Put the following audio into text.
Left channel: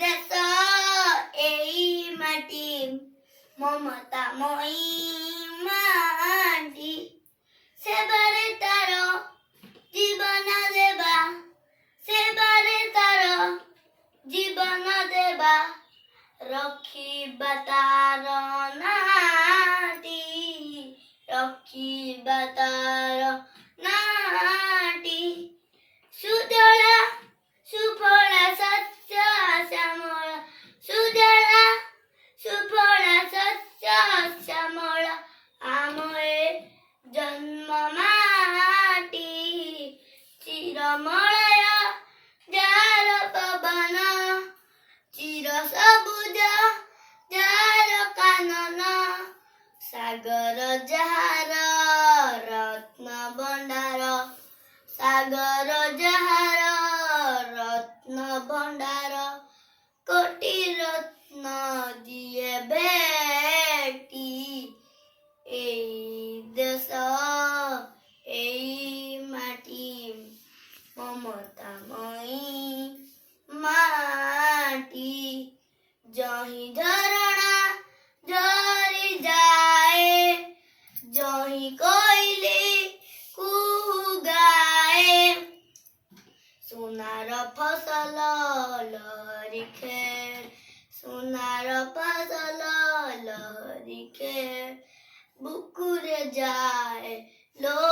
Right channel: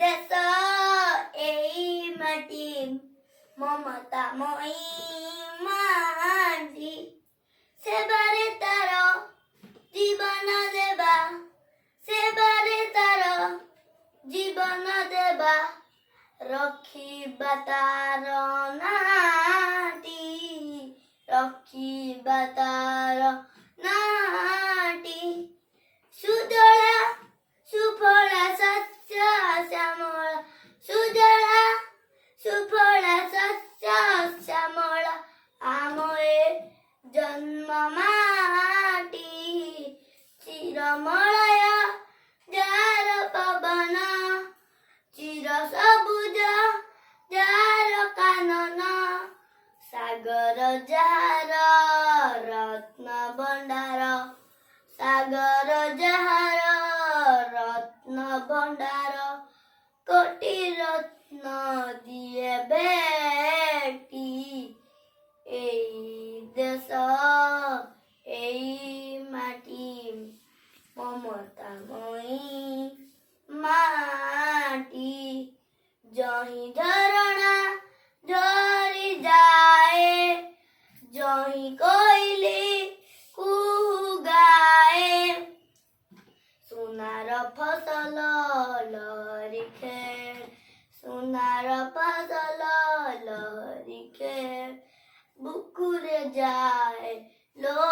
ଦେଶ ଏଇ ମାଟି ମମତାମୟୀ ମାଟି ସେବାରେ ତାର ଜୀବନ ଦେବା ସେବାରେ ତାର ଜୀବନ ଦେବା ରଖିବା ତାର ନାଟି ରଖିବା ତାର ନାଟି ସୁଜଳା ସୁଫଳା ଶସ୍ୟ ଶ୍ୟାମଳ ସୁଜଳା ସୁଫଳା ଶସ୍ୟ ଶ୍ୟାମଳ ଆମ ଏ ଜନ୍ମ ମାଟି ଚିରମଳୟ ଯାର ପବନ ଚିର ସବୁଜ ଯାର କାନନ ସାଗର ଯାହାର ରତ୍ନ ଭଣ୍ଡାର ସାଗର ଯାହାର ରତ୍ନ ଭଣ୍ଡାର କୋଟି ରତ୍ନ ଦିଏ ଭେଟି ଏଇ ଦେଶ ଏଇ ମାଟି ମମତାମୟୀ ମାଟି ଜହିଁ ଝରଣା ଝରି ଯାଏ ଜହିଁ କୋଇଲି କୁହୁ ଗାଏ ସୁନାର ଫସଲ ଲହରିଖେ ସୁନାର ଫସଲ ଲହରିଖେ ବୁକୁରେ ଯାଏ ଲୋ